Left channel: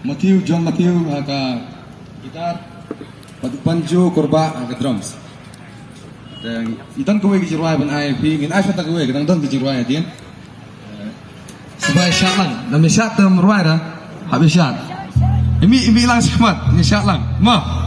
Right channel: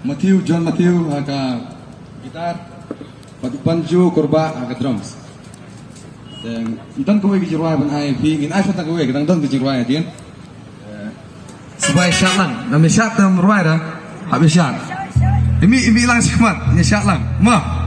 Matthew, John Matthew ke gitar, Patrick Panju Korba ke drums. Dan intan kowe kejiruai ban ai pi in ai fata kowe kadang don kejiruai dia. Supaya syat lang, na may syat na maruai dah, habis syat. Imi lang sikmat, ni syat lang, ma.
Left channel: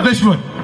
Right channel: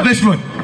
This one.